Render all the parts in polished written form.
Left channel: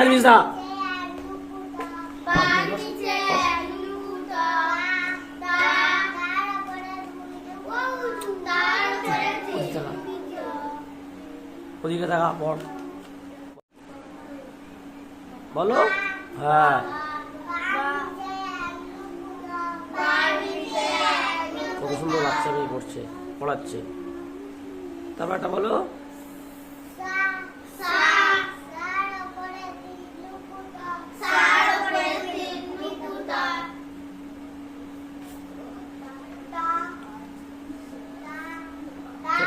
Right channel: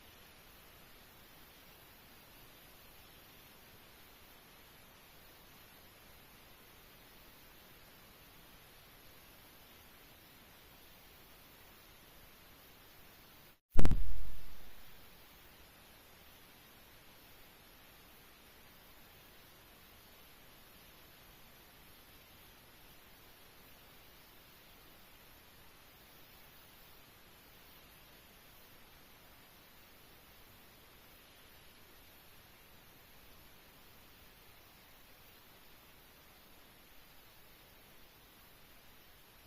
Elvisa. ওদিকে দেখা পড় বলো। হ্যাঁ কত সুন্দর বাচ্চা মেয়ে পড়ছে, পড়াচ্ছে। তারপর একটা বলো।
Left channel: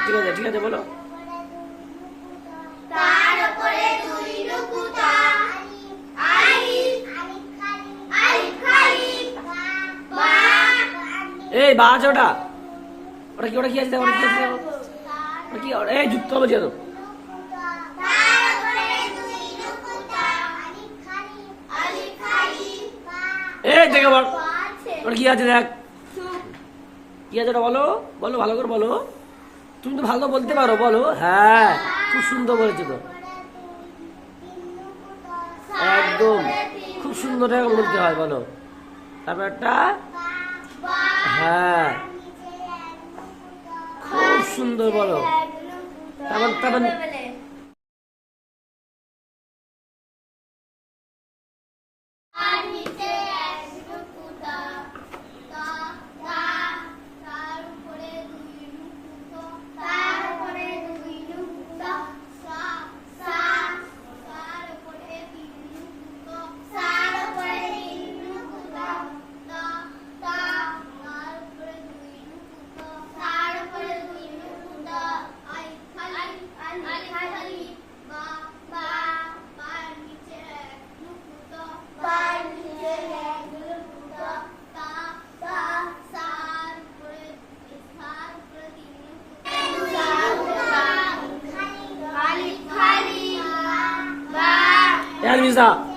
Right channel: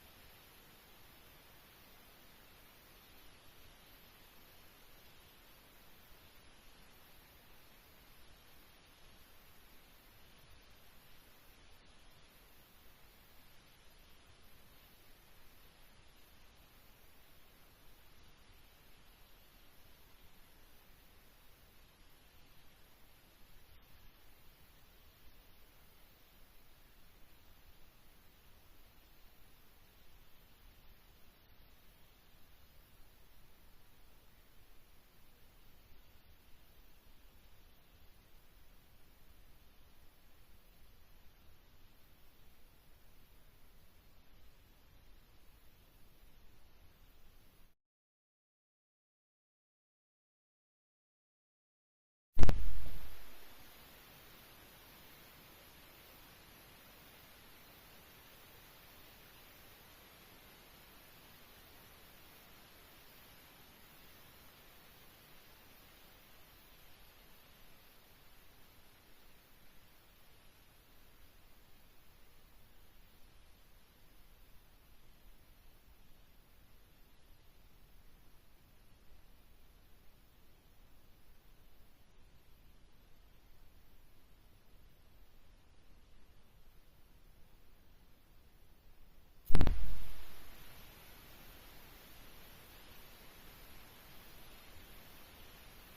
ঠিক আছে ঠিক আছে বলো। এই বা আছে ওটা, ওটা কি, ওটা কি আছে, ওটা কি আছে, ওটা কি, এই যুক্ত বলছি তো। এই দেখে বল ওটা কি আছে, দেখ কি আছে ওটা বলো, বলো ভালো করে বলো। তুমি তো ভালো বলতে পারো, বলো। হ্যাঁ খুব সুন্দর বলেছো তো, একদম খুব সুন্দর বলতে হয়, বলো। তারপর একটা, হ্যাঁ খুব সুন্দর বলো। তারপর তারপর Elvisa.